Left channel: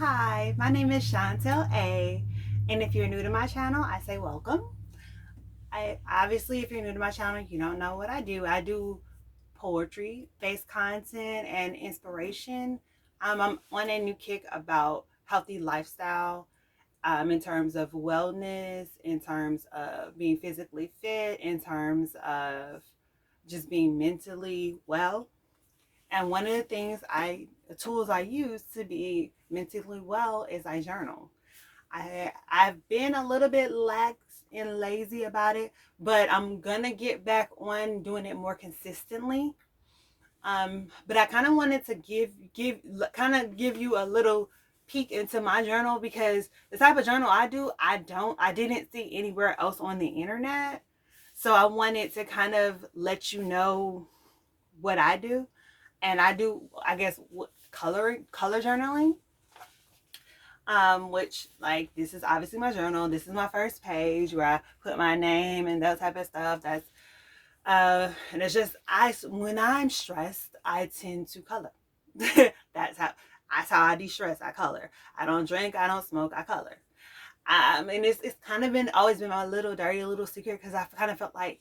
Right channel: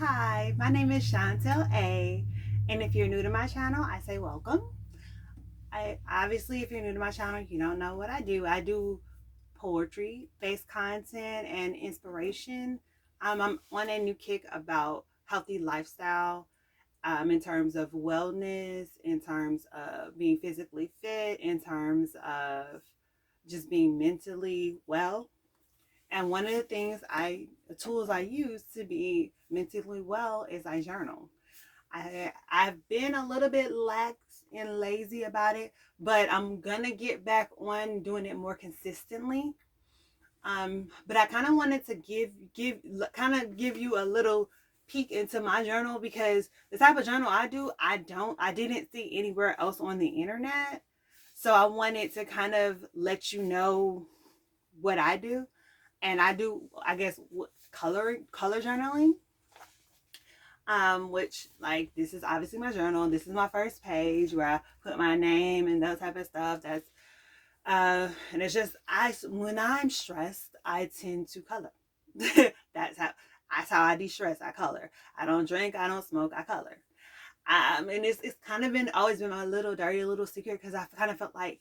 Hi, my name is Chantel A. And if you're new to my channel, I say welcome. If you're new to my channel, you don't know what I do. I do poetry based content and inspiration. I'm on a new kick about healthy lifestyle, in terms of wellness, in terms of being physically fit, in terms of just being mentally well. And one of the tools I use to be mentally well is I journal. I've been a little bit lax and lazy about it, but I'm gonna get back on doing it more consistently. But I kind of wanted to give you a little peek into my journal, because the type of journal I didn't see anywhere else on the internet. So I wanted to kind of let you know what I do. And I do, I guess, color journaling. Which, like, this is obviously my journal. This is my first page where I put my name and that type of stuff. And it's just, when I'm stressed, I tend to color. that's how that's how I de-stress. I color. I don't drink, I don't smoke, I color. And it's kind of been always been my little dirty little secret, because I kind of felt like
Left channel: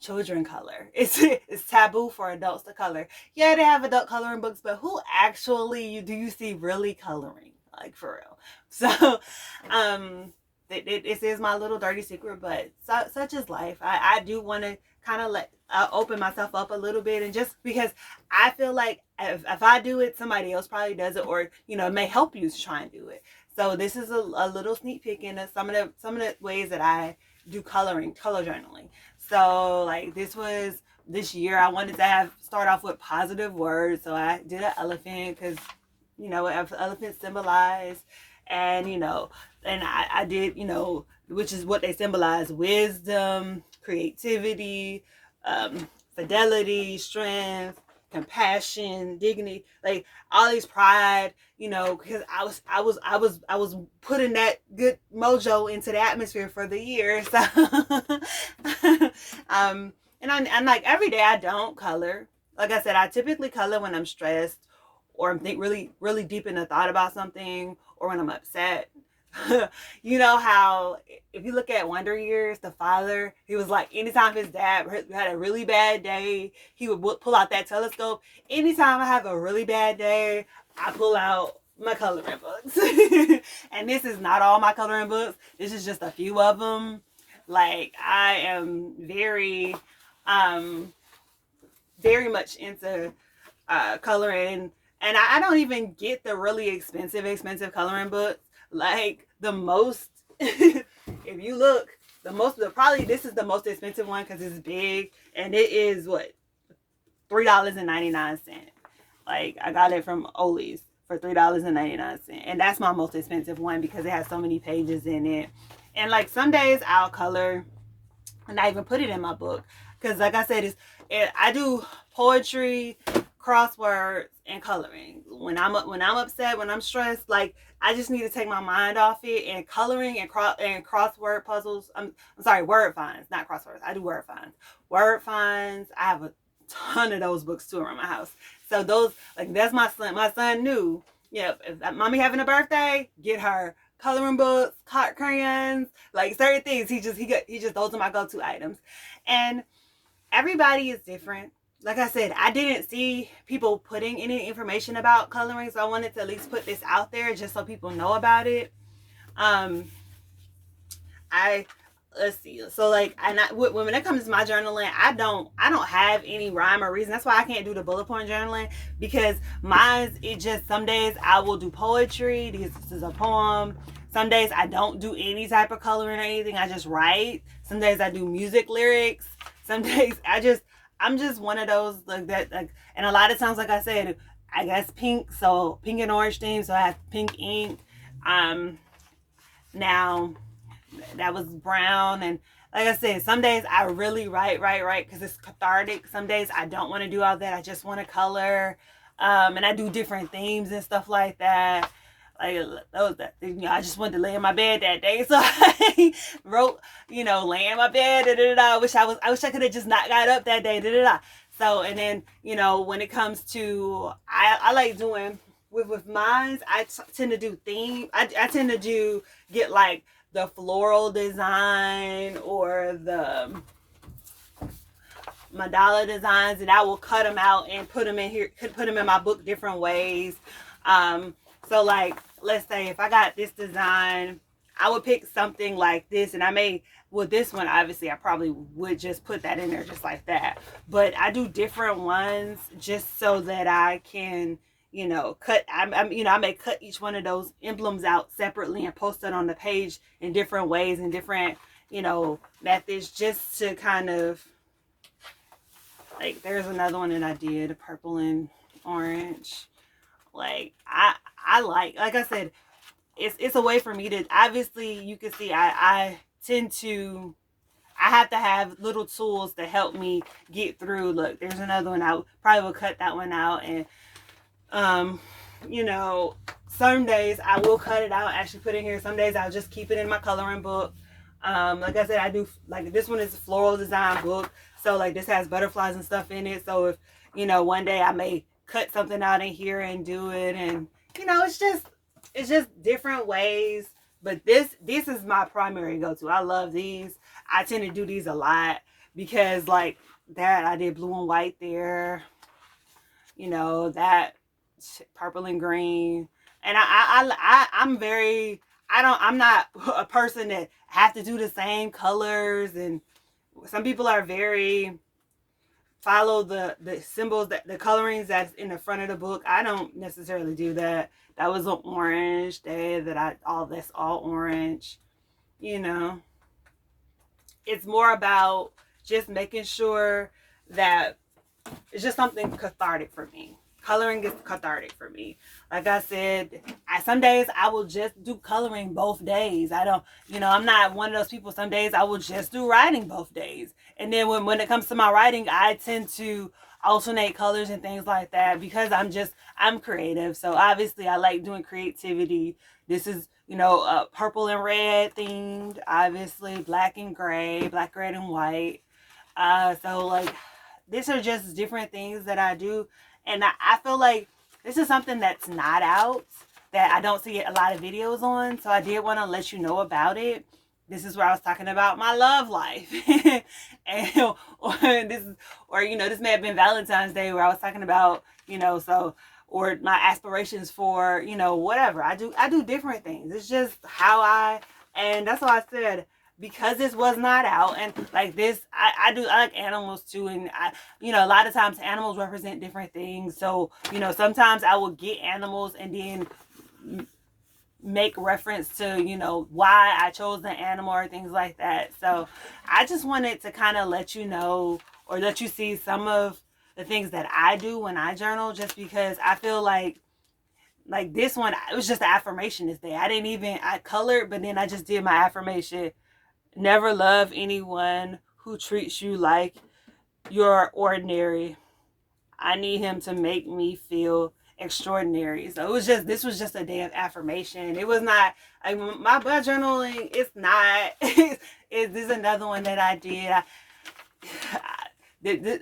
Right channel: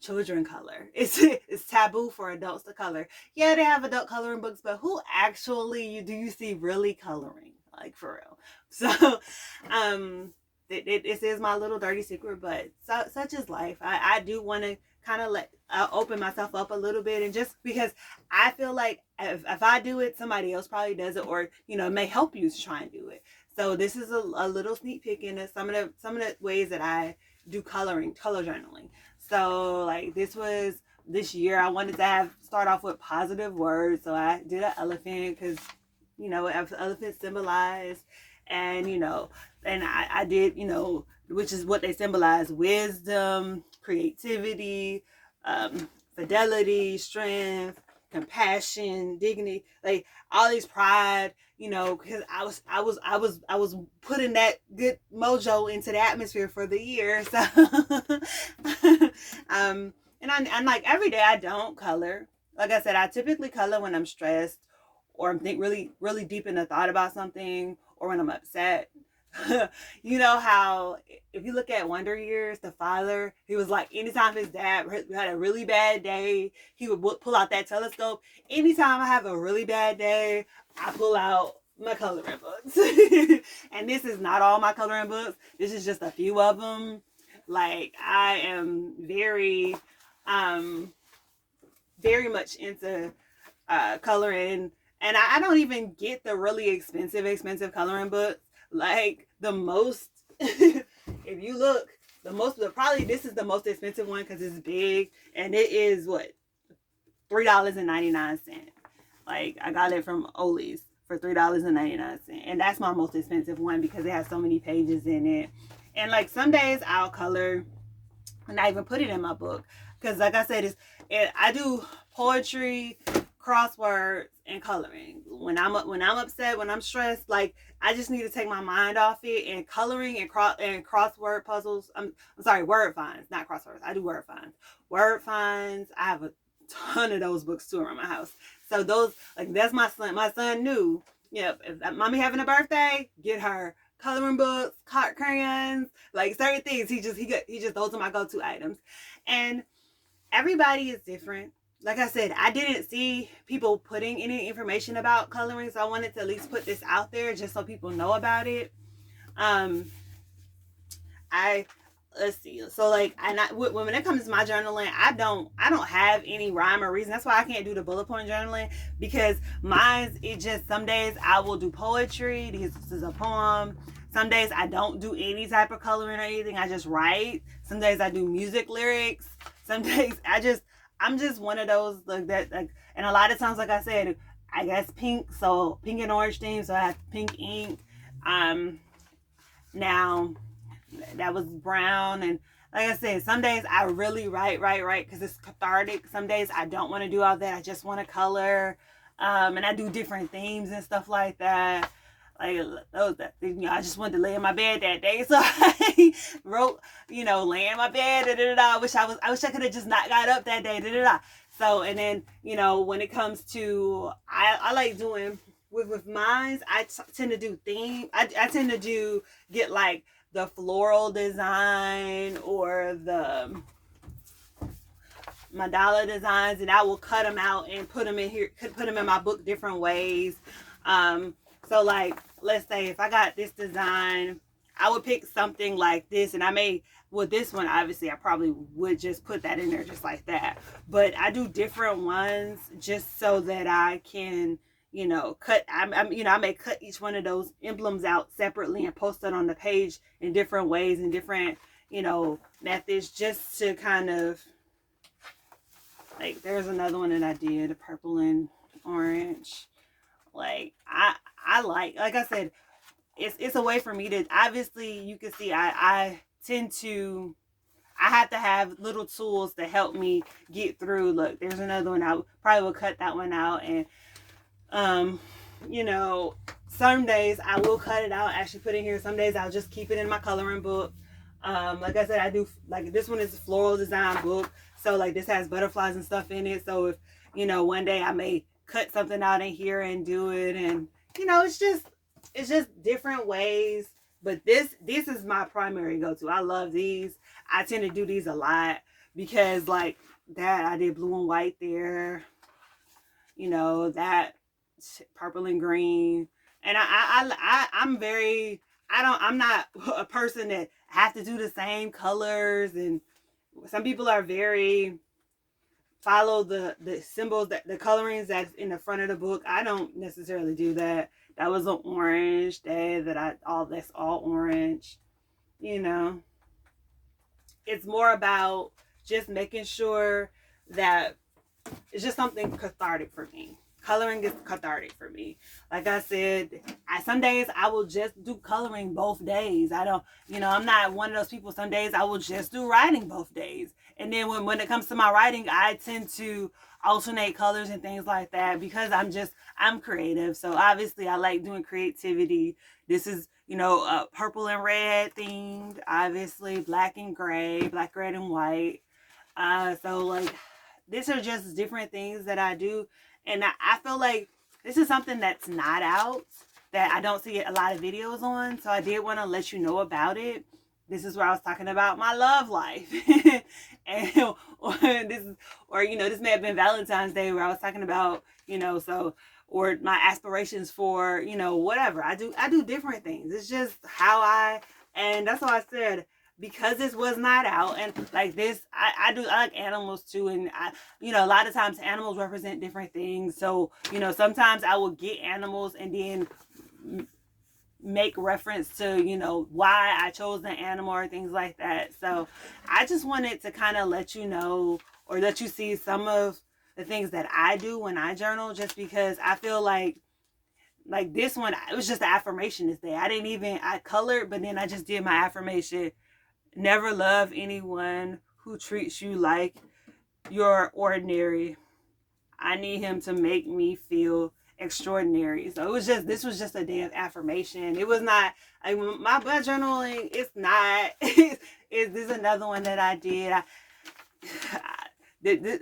children color. It's taboo for adults to color. Yeah, they have adult coloring books, but who actually do you see really coloring? Like, for real. So, this is my little dirty secret, but such is life. I do want to kind of open myself up a little bit, and just because I feel like if I do it, somebody else probably does it, or it may help you to try and do it. So this is a little sneak peek into some of the ways that I do color journaling. So, like, this year I wanted to start off with positive words. So I did an elephant, because elephants symbolize, and I did, which is what they symbolize: wisdom, creativity, fidelity, strength, compassion, dignity, like all these pride, because I was putting that good mojo into the atmosphere for the year. So and like, every day I don't color. Like I said, I typically color when I'm stressed, or I'm really really deep in a thought about something, or when I'm upset. You know how, if you look at Wonder Years, the father, he was like, anytime his dad had a really bad day, he would pull out that telescope. Anytime I have a really bad day, I pull out my coloring books. And this is not all my coloring books. This is just a few of them. Like, I am very much into coloring, and I don't even get the really expensive coloring books. Like, the most, if you look, probably this is the most expensive one, because it's big, and it is what, $3.99. Like, I got it from Ollie's for $3.99, and that's my most expensive one, because it has so many pages in it. And like, some days I'll color and I even put it in my book, because like I said, I do poetry, crosswords, and coloring. When I'm upset, when I'm stressed, like, I just need to take my mind off it. And coloring and crossword puzzles. I'm sorry, word finds, not crosswords. I do word finds. Word finds. I have a ton of those books too around my house. So those, like, that's my son. My son knew, if mommy having a birthday, get her coloring books, crayons, like certain things. He just those are my go-to items. And everybody is different. Like I said, I didn't see people putting any information about coloring, so I wanted to at least put this out there just so people know about it. I Let's see. So, like, when it comes to my journaling, I don't have any rhyme or reason. That's why I can't do the bullet point journaling, because some days I will do poetry because this is a poem. Some days I don't do any type of coloring or anything. I just write. Some days I do music lyrics. Some days I'm just one of those, like, that, like, and a lot of times, like I said, I guess pink and orange theme, so I have pink ink. Now that was brown. And like I said, some days I really write because it's cathartic. Some days I don't want to do all that. I just want to color. And I do different themes and stuff like that. Like, I just wanted to lay in my bed that day, so I wrote, lay in my bed. I wish I could have just not got up that day. So, and then, when it comes to, I like doing, with mines, tend to do theme. I tend to get like the floral design or the mandala designs, and I will cut them out and put them in here, put them in my book different ways. So like, let's say if I got this design, I would pick something like this, and I may, with this one, obviously I probably would just put that in there just like that. But I do different ones just so that I can, you know, I may cut each one of those emblems out separately and post it on the page in different ways and different, you know, methods, just to kind of, like, there's another one that I did, purple and orange. Like, I like I said, it's a way for me to, obviously you can see I tend to, I have to have little tools to help me get through. Look, there's another one. I probably will cut that one out, and you know, some days I will cut it out, actually put it in here. Some days I'll just keep it in my coloring book. Like I said, I do, like, this one is a floral design book, so like this has butterflies and stuff in it. So if, you know, one day I may cut something out in here and do it, and you know, it's just different ways. But this is my primary go-to. I love these. I tend to do these a lot because, like, that I did blue and white there, you know, that purple and green. And I'm very, I'm not a person that have to do the same colors. And some people are very, follow the symbols, that the colorings that's in the front of the book. I don't necessarily do that. That was an orange day that that's all orange, you know. It's more about just making sure that it's just something cathartic for me. Coloring is cathartic for me. Like I said, some days I will just do coloring both days. I don't, you know, I'm not one of those people. Some days I will just do writing both days. And then when it comes to my writing, I tend to alternate colors and things like that because I'm creative. So obviously I like doing creativity. This is, you know, purple and red themed, obviously black and gray, black, red, and white. So like, these are just different things that I do. And I feel like this is something that's not out, that I don't see a lot of videos on. So I did want to let you know about it. This is where I was talking about my love life. And or you know, this may have been Valentine's Day where I was talking about, you know, so, or my aspirations for, you know, whatever. I do different things. It's just how and that's why I said, because this was not out, and like this, I like animals too, and you know, a lot of times animals represent different things. So, you know, sometimes I will get animals and then make reference to, you know, why I chose the animal or things like that. So I just wanted to kind of let you know, or let you see some of the things that I do when I journal, just because I feel like this one, it was just an affirmation this day. I colored, but then I just did my affirmation. Never love anyone who treats you like you're ordinary. I need him to make me feel extraordinary. So this was just a day of affirmation. It was not, like, my journaling, it's not, this is another one that I did.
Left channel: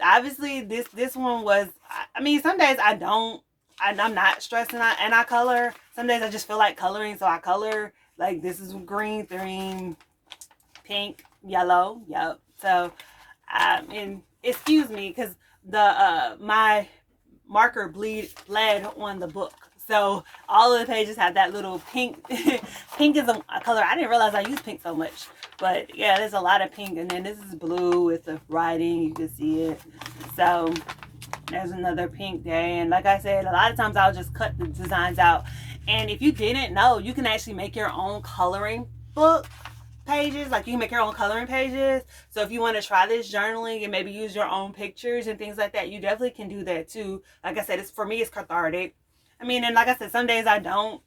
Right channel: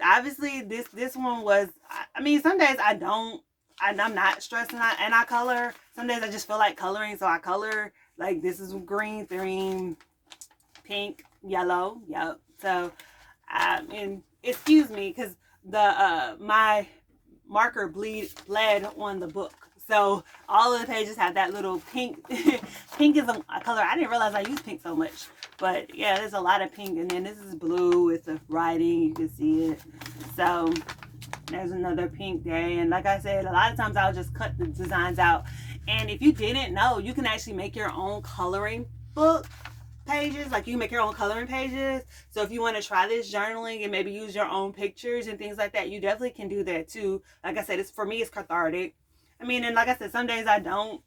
Obviously this one was, I mean, some days I'm not stressing and I color. Some days I just feel like coloring, so I color. Like, this is green theme, pink, yellow, yep. So and excuse me, because the my marker bled on the book, so all of the pages have that little pink. Pink is a color I didn't realize I use pink so much, but yeah, there's a lot of pink. And then this is blue with the writing, you can see it. So there's another pink day. And like I said, a lot of times I'll just cut the designs out. And if you didn't know, you can actually make your own coloring book pages. Like, you can make your own coloring pages. So if you want to try this journaling and maybe use your own pictures and things like that, you definitely can do that too. Like I said, for me, it's cathartic. I mean, and like I said, some days I don't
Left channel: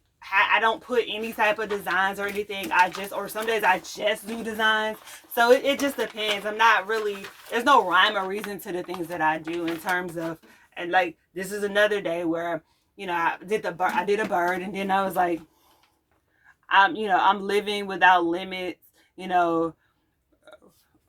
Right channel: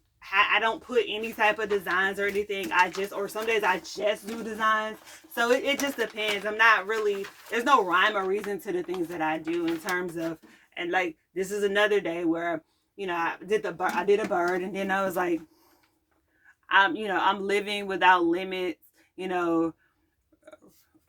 put any type of designs or anything. Or some days I just do designs. So it just depends. I'm not really, there's no rhyme or reason to the things that I do in terms of, and like, this is another day where, you know, I did a bird, and then I was like, I'm living without limits, you know,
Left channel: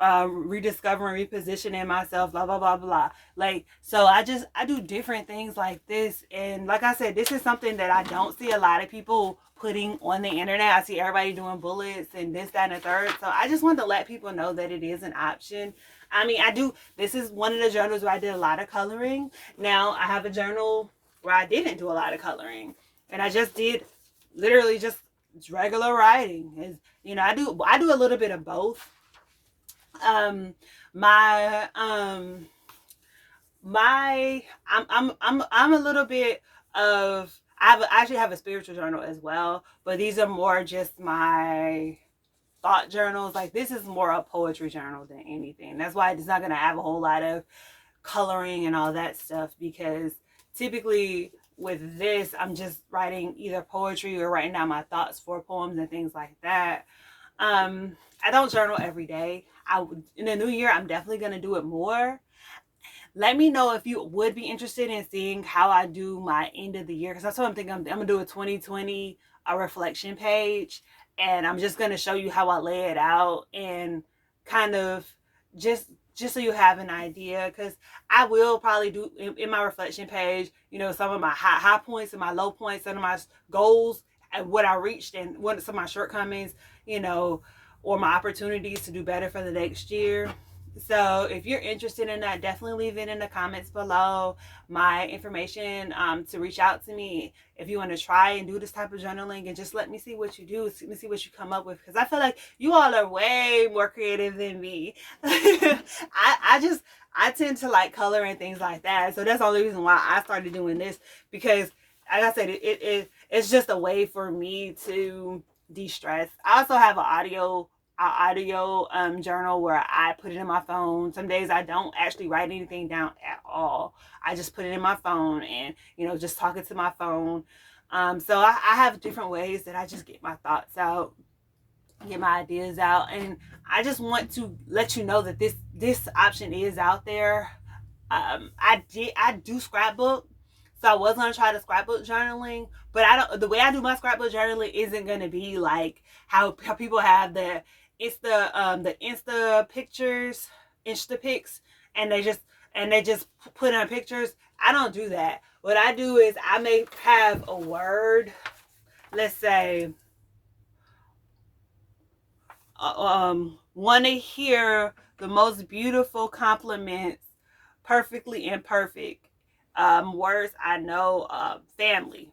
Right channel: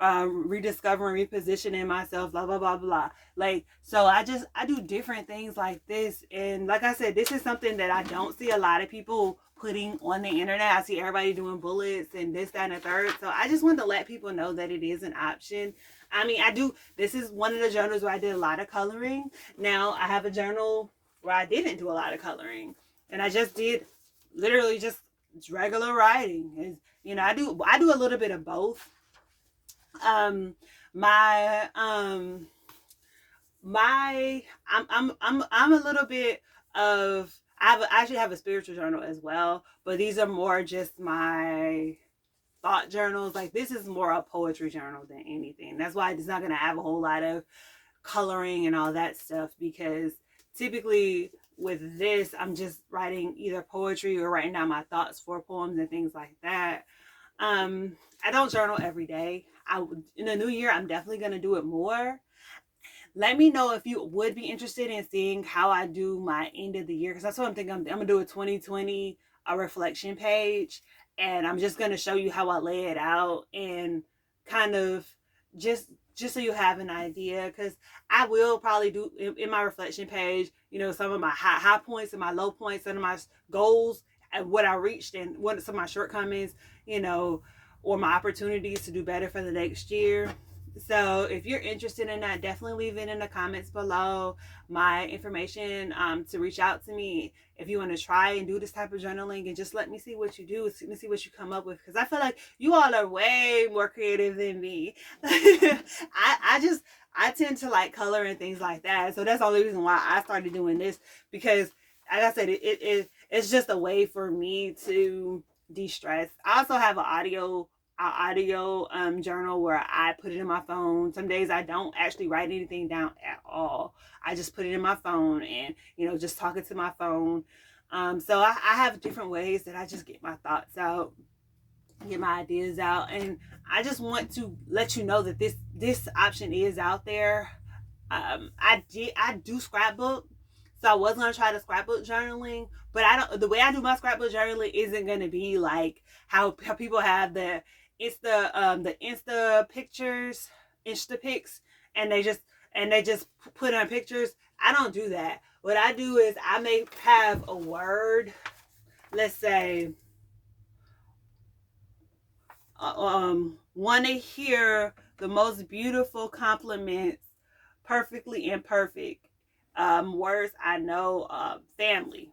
rediscovering, repositioning myself, blah blah blah blah. Like, so I do different things like this, and like I said, this is something that I don't see a lot of people putting on the internet. I see everybody doing bullets and this, that, and the third. So I just want to let people know that it is an option. I mean, I do. This is one of the journals where I did a lot of coloring. Now I have a journal where I didn't do a lot of coloring, and I just did literally just regular writing. Is, you know, I do a little bit of both. Um, my my I'm a little bit of I actually have a spiritual journal as well, but these are more just my thought journals. Like, this is more a poetry journal than anything. That's why it's not gonna have a whole lot of coloring and all that stuff, because typically with this I'm just writing either poetry or writing down my thoughts for poems and things like that. I don't journal every day. In the new year I'm definitely gonna do it more. Let me know if you would be interested in seeing how I do my end of the year, because that's what I'm thinking. I'm gonna do a 2020 reflection page, and I'm just gonna show you how I lay it out, and kind of just so you have an idea, because I will probably do in my reflection page, you know, some of my high points and my low points, some of my goals and what I reached, and what some of my shortcomings, you know, or my opportunities to do better for the next year. So if you're interested in that, definitely leave it in the comments below. My information to reach out to me if you want to try and do this type of journaling, and just let me see what you do. Let me see what you come up with, because I feel like you all are way more creative than me. I tend to like color and things like that, so that's the only reason why I started doing this, because like I said, it's just a way for me to de-stress. I also have an audio journal where I put it in my phone. Some days I don't actually write anything down at all. I just put it in my phone, and, you know, just talking to my phone. So I have different ways that I just get my thoughts out, get my ideas out, and I just want to let you know that this option is out there. I do scrapbook, so I was gonna try the scrapbook journaling, but I don't. The way I do my scrapbook journaling isn't gonna be like how people have the Insta pictures, Insta pics, and they just put on pictures. I don't do that. What I do is I may have a word. Let's say, want to hear the most beautiful compliments, perfectly imperfect words I know, family.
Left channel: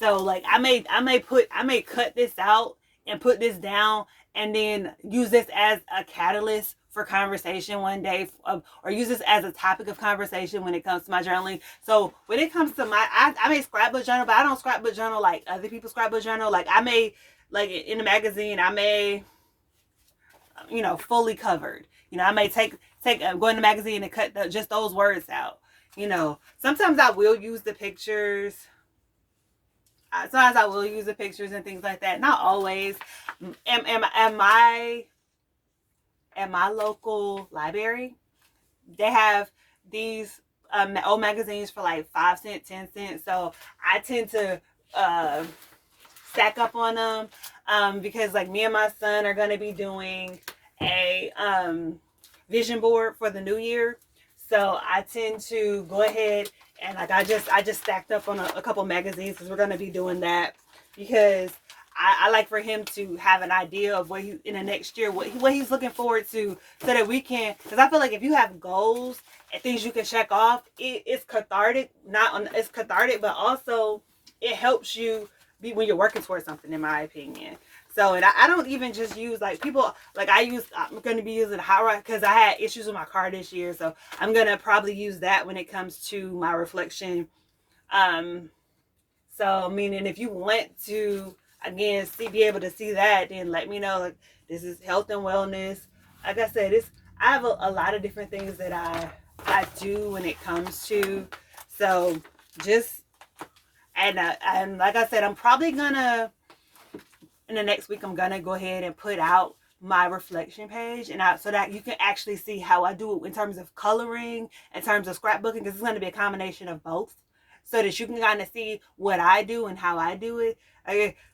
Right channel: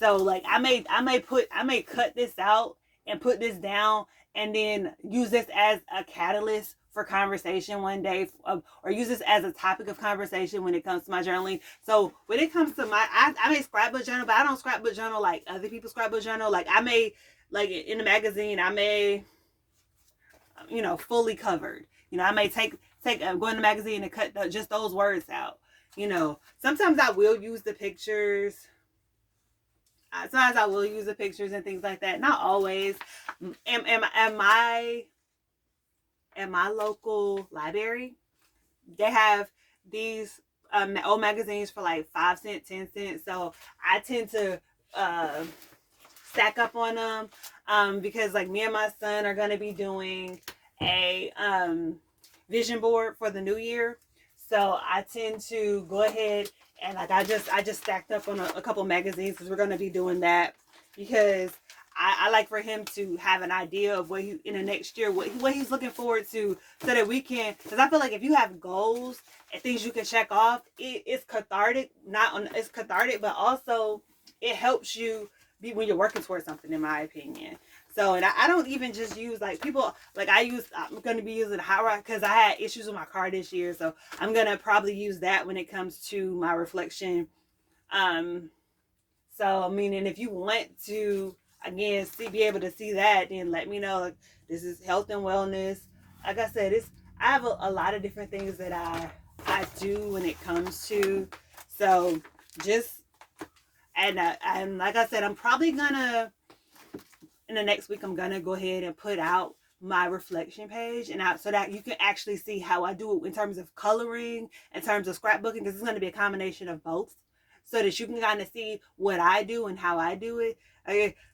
So like I may cut this out and put this down, and then use this as a catalyst for conversation one day, or use this as a topic of conversation when it comes to my journaling. So when it comes to I may scrapbook journal, but I don't scrapbook journal like other people scrapbook journal. Like I may, like in the magazine, I may, you know, fully covered. You know, I may go in the magazine and cut just those words out. You know, sometimes I will use the pictures. Sometimes I will use the pictures and things like that. Not always. At my local library, they have these old magazines for like 5 cents, 10 cents. So I tend to stack up on them, because like me and my son are going to be doing a vision board for the new year. So I tend to go ahead and like I just stacked up on a couple magazines, because we're going to be doing that, because I like for him to have an idea of what he in the next year, what he's looking forward to, so that we can, because I feel like if you have goals and things you can check off, it's cathartic. It's cathartic, but also it helps you be when you're working towards something, in my opinion. So, and I don't even just use like people, like I'm going to be using Hot, because I had issues with my car this year. So I'm going to probably use that when it comes to my reflection. So meaning if you want to, again, be able to see that, then let me know. Like, this is health and wellness. Like I said, I have a lot of different things that I do when it comes to, so just, and like I said, I'm probably gonna, in the next week, I'm gonna go ahead and put out my reflection page, and so that you can actually see how I do it in terms of coloring, in terms of scrapbooking, because it's going to be a combination of both. so that you can kind of see what I do and how I do it.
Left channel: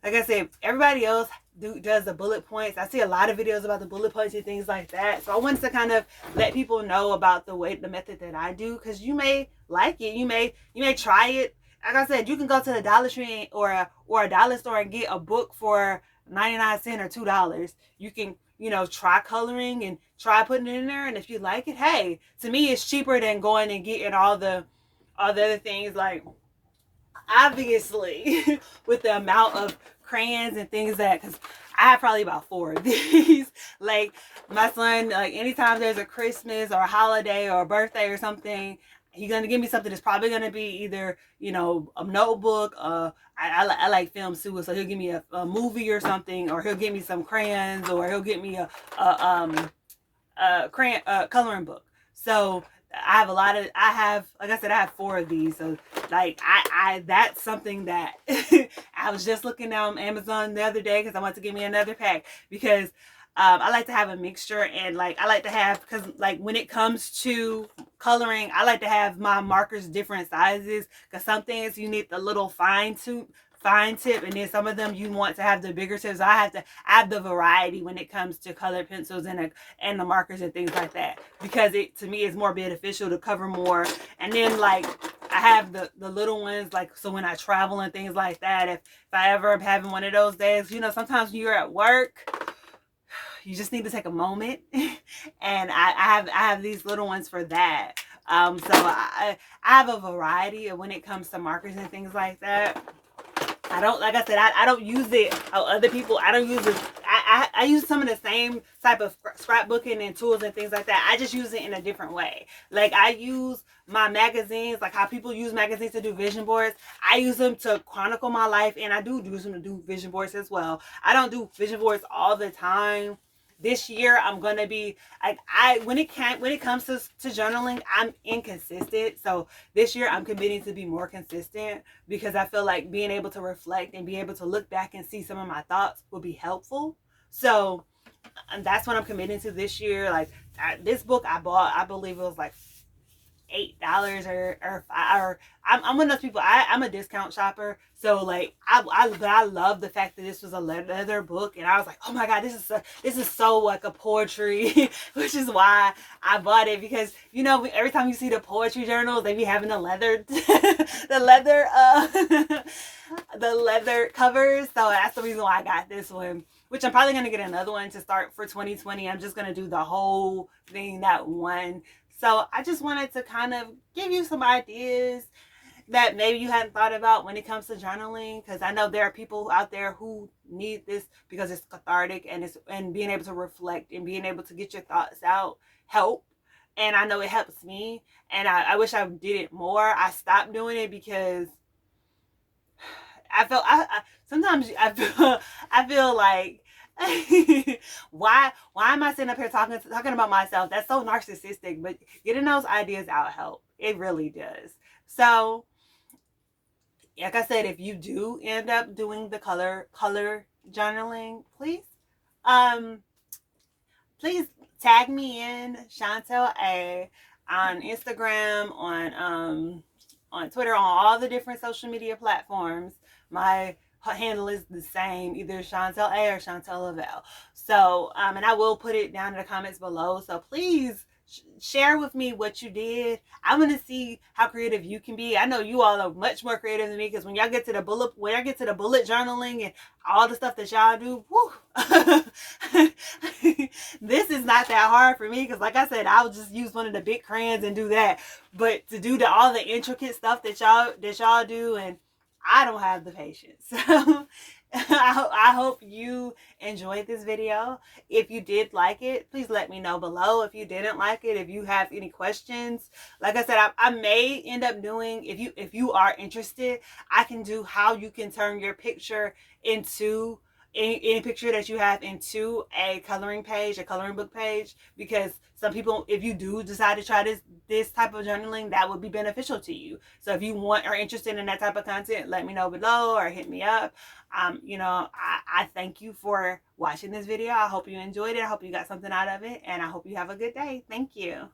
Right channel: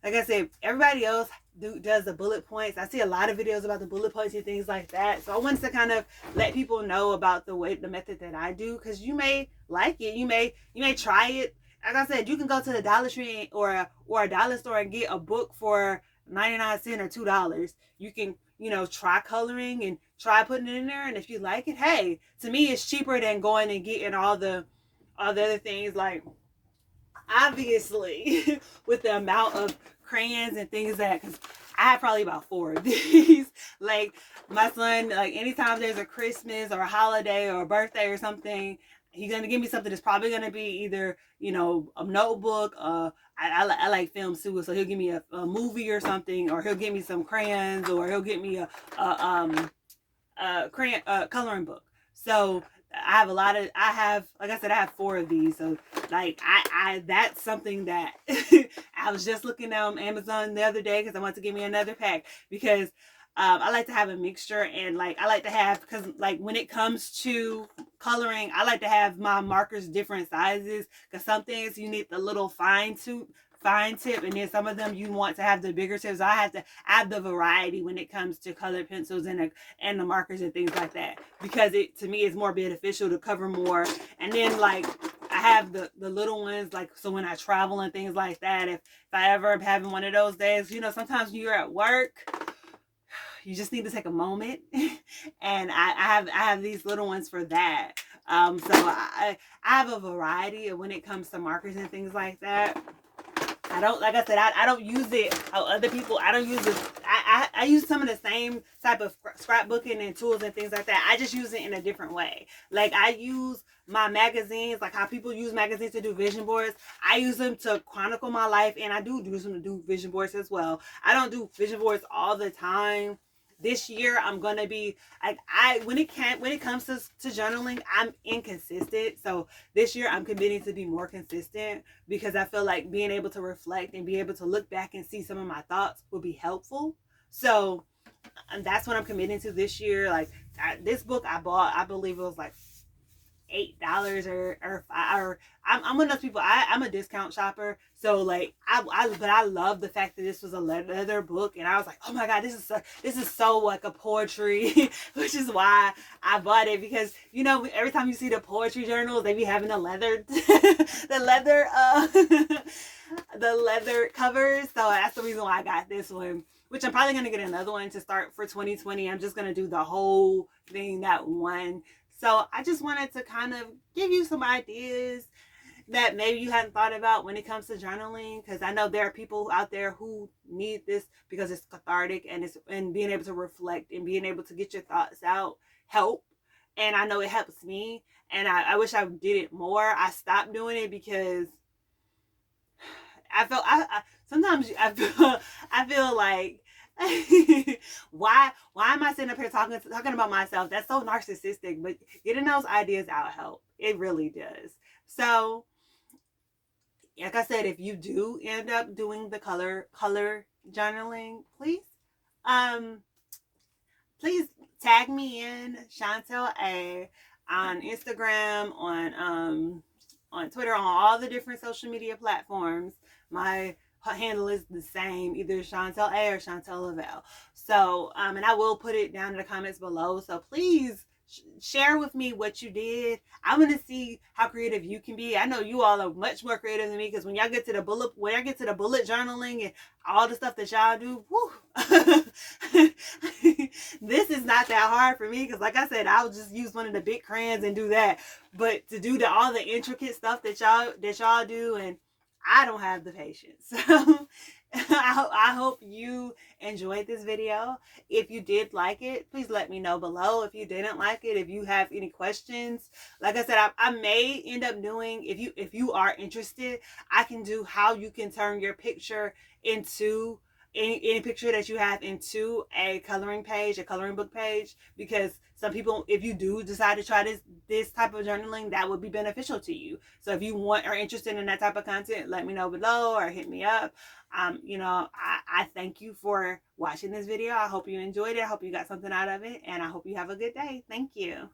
Like I said, everybody else does the bullet points. I see a lot of videos about the bullet points and things like that. So I wanted to kind of let people know about the method that I do, because you may like it. You may try it. Like I said, you can go to the Dollar Tree or a dollar store and get a book for 99 cents or $2. You can, try coloring and try putting it in there. And if you like it, hey, to me, it's cheaper than going and getting all the other things. Like, obviously, with the amount of crayons and things because I have probably about 4 of these. Like, my son, like, anytime there's a Christmas or a holiday or a birthday or something, he's gonna give me something that's probably gonna be either, a notebook. I like film too, so he'll give me a movie or something, or he'll give me some crayons, or he'll get me a crayon coloring book. So I have like I said, I have 4 of these. So like I that's something that I was just looking down Amazon the other day because I want to give me another pack, because I like to have a mixture, and like I like to have, because like when it comes to coloring, I like to have my markers different sizes, because some things you need the little fine tip, and then some of them you want to have the bigger tips. I have to add the variety when it comes to colored pencils and the markers and things like that, because it, to me, is more beneficial to cover more. And then like I have the little ones, like, so when I travel and things like that, if I ever am having one of those days, sometimes when you're at work, you just need to take a moment. And I have these little ones for that. So I have a variety of when it comes to markers and things like that. I don't, like I said, I don't use it how other people, I don't use it. I use some of the same type of scrapbooking and tools and things like that. I just use it in a different way. Like, I use my magazines, like how people use magazines to do vision boards. I use them to chronicle my life, and I do use them to do vision boards as well. I don't do vision boards all the time. This year I'm gonna be like, when it comes to journaling, I'm inconsistent. So this year I'm committing to be more consistent, because I feel like being able to reflect and be able to look back and see some of my thoughts will be helpful. So that's what I'm committing to this year. Like, this book I bought, I believe it was like $8 or I'm one of those people. I'm a discount shopper, so like but I love the fact that this was a leather book, and I was like, oh my god, this is so like a poetry, which is why I bought it, because every time you see the poetry journals, they be having the leather the leather covers. So that's the reason why I got this one, which I'm probably going to get another one to start for 2020. I'm just going to do the whole thing that one. So I just wanted to kind of give you some ideas that maybe you hadn't thought about when it comes to journaling, because I know there are people out there who need this because it's cathartic, and being able to reflect and being able to get your thoughts out help. And I know it helps me, and I wish I did it more. I stopped doing it because I felt sometimes I feel like why am I sitting up here talking about myself? That's so narcissistic. But getting those ideas out help. It really does. So like I said, if you do end up doing the color journaling, please tag me in, Chantel A, on Instagram, on Twitter, on all the different social media platforms. My handle is the same, either Chantel A or Chantel Lavelle. So, and I will put it down in the comments below. So please share with me what you did. I want to see how creative you can be. I know you all are much more creative than me, because when y'all get to the bullet journaling and all the stuff that y'all do, this is not that hard for me, because like I said, I'll just use one of the big crayons and do that. But to do all the intricate stuff that y'all do, and I don't have the patience. So I hope you enjoyed this video. If you did like it, please let me know below. If you didn't like it, if you have any questions, like I said, I may end up doing, if you are interested, I can do how you can turn your picture into any picture that you have into a coloring book page, because some people, if you do decide to try this type of journaling, that would be beneficial to you. So if you are interested in that type of content, let me know below or hit me up. I thank you for watching this video. I hope you enjoyed it. I hope you got something out of it, and I hope you have a good day. Thank you.